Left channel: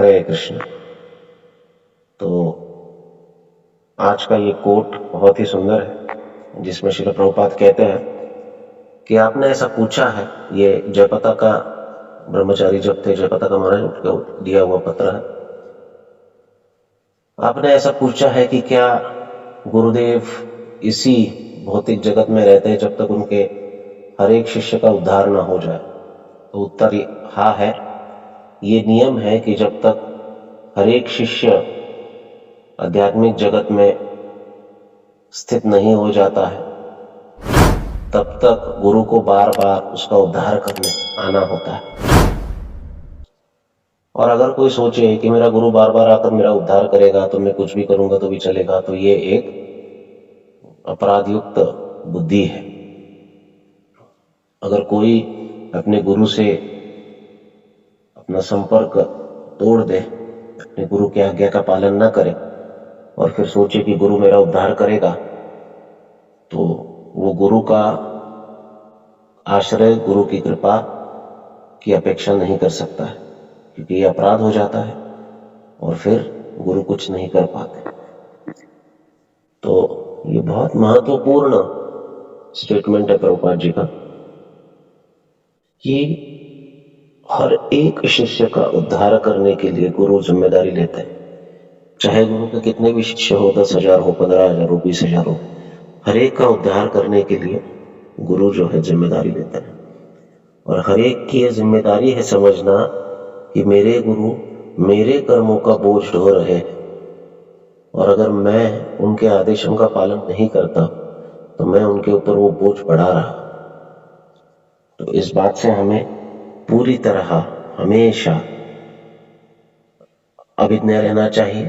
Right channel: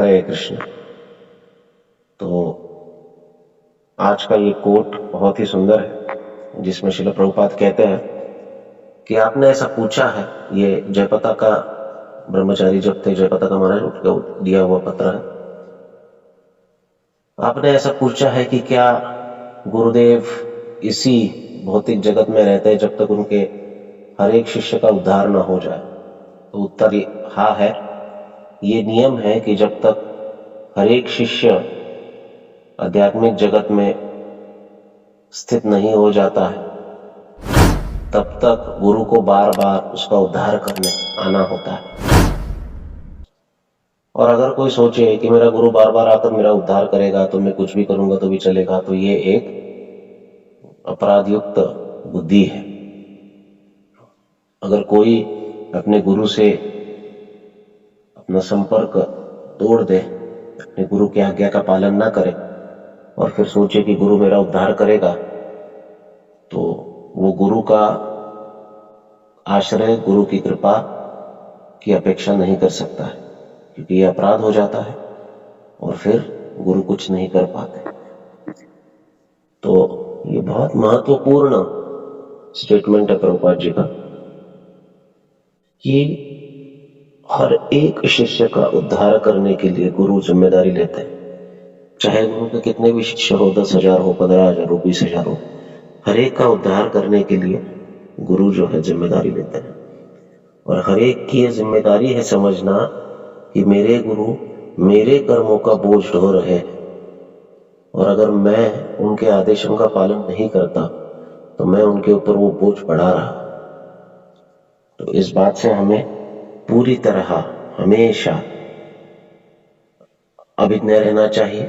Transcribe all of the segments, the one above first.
हरे कृष्ण। तो आज का ये कोट बहुत ही सुंदर है, जिसमें श्रील प्रभुपाद कहते हैं कि आपने ऐसा पूछा है, ये जयपता का ब्रह्मचारी जब थे, जयपता का महाराज उठके दिया हुआ पत्र है। आपने ऐसा पूछा है कि क्या गुरुदेव इसी भौतिक जगत में रहते जब तक उनके हर एक शिष्य का उद्धार न हो जाए? तो उत्तर हाँ है। ये नियम है कि जब तक हर एक शिष्य आध्यात्मिक जगत में स्थित नहीं हो जाता है, तब तक गुरु को बार बार उसका उद्धार करने आना होता है। और अगर कोई सोचे कि मेरा गुरु बार बार आकर मेरा उद्धार करेगा तो मैं कुछ भी करूंगा तो भी चलेगा, तो ये एक अपराधयुक्त बुद्धि है। अगर कोई अपने गुरु से अपना संपर्क तोड़ दे, अपने गुरु की आज्ञा का पालन न करे और फिर सोचे कि गुरु मेरा उद्धार करेगा, तो वो गुरु का आश्रय, गुरु की कृपा की अपेक्षा नहीं कर सकता है, क्योंकि ये अपराध हो जाता है और फिर गुरु कुछ नहीं कर पाते। तो ये बहुत महत्वपूर्ण स्टेटमेंट है प्रभुपाद जी का कि हर एक शिष्य का उद्धार करने के लिए गुरु जिम्मेदारी लेते हैं। चाहे गुरु के कितने भी शिष्य हो, 10,000 हो, 15,000 हो, 20,000 हो, हर एक का उद्धार करने के लिए गुरु जो है जिम्मेदारी लेते हैं। और हर एक की यह जिम्मेदारी है समझना कि मेरे गुरु मेरे कर्मों का बोझ ढो रहे हैं, और अगर मैं उनके आदेशों का पालन नहीं करता तो मैं उनके ऊपर वो बोझ बढ़ा रहा। तो इस बात से हमें पूरी तरह हमेशा अभिज्ञ रहना चाहिए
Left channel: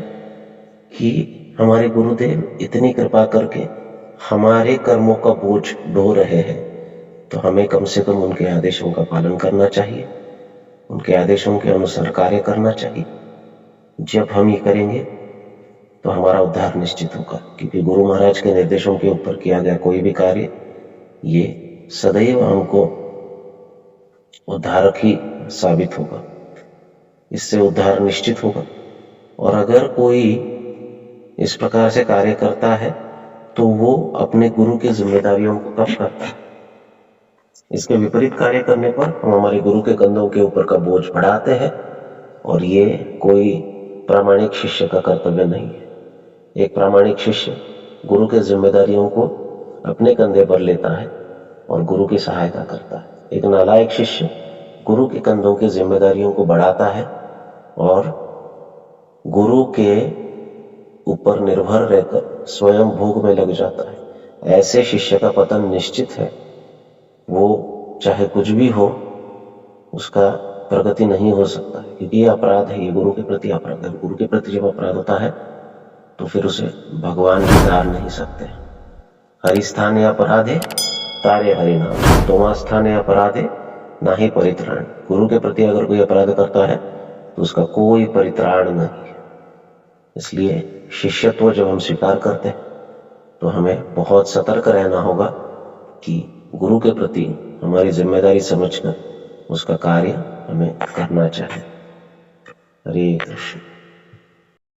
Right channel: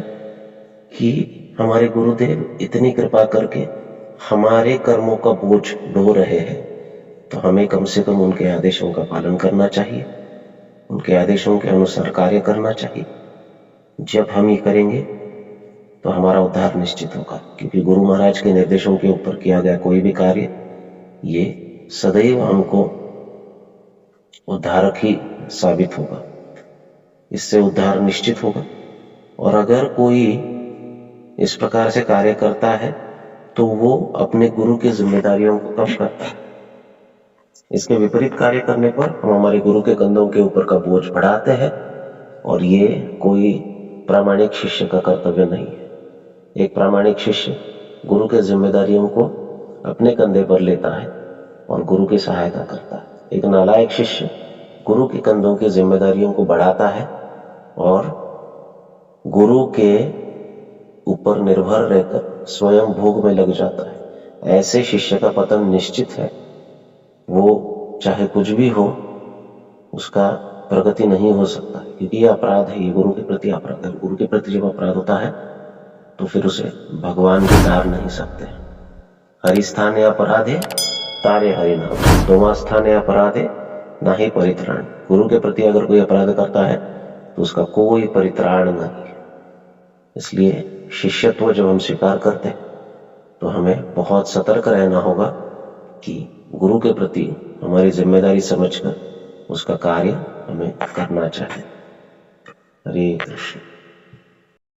कि हमारे गुरुदेव इतनी कृपा करके हमारे कर्मों का बोझ ढो रहे हैं, तो हमें कम से कम उनके आदेशों का पालन करना चाहिए, उनके आदेशों के अनुसार कार्य करना चाहिए। जब हम ये करेंगे तो हमारा उद्धार निश्चित होगा, क्योंकि गुरु महाराज के निर्देशों के ऊपर किया गया कोई भी कार्य ये सदैव हमको उद्धारक ही साबित होगा, इससे उद्धार निश्चित होगा। और अगर कोई इस प्रकार से कार्य करता है तो वो अपने गुरु की जिम्मेदारियों को कम करता है। इसके विपरीत कार्य करने पर हम हमारे गुरु के कंधों के ऊपर का बोझ बढ़ाते हैं, और ये कोई प्रामाणिक शिष्य का कर्तव्य नहीं है। एक प्रामाणिक शिष्य गुरु के जिम्मेदारियों को अपने कंधे पर लेता है और गुरु की सहायता करता है। एक नालायक शिष्य गुरु के कंधों की जिम्मेदारियों को बढ़ाता है और गुरु के ऊपर निर्भर रहकर स्वयं भोग में लग जाता है। ऐसे शिष्य का पतन निश्चित है। वो चाहे कुछ भी हो, उसका प्रगति नहीं हो सकता, क्योंकि ये अपराध है, ये गुरु के प्रति अपराध है। गुरु के प्रति जब अपराध होता है तो फिर उसे भगवान भी तार नहीं सकते। हरि स्थाने अपराधे तारे हरि नाम, दोमा स्थाने अपराधे ना ही परित्राण। गुरु के प्रति अगर कोई अपराध करता है तो उसका कोई परित्राण नहीं है। इसलिए शिष्यत्व जब हम स्वीकार करते हैं तो हमें बहुत सतर्क रहना होगा कि गुरु के प्रति हमारी जिम्मेदारी समझकर उसका कार्य हमें करना चाहिए। हरे कृष्ण।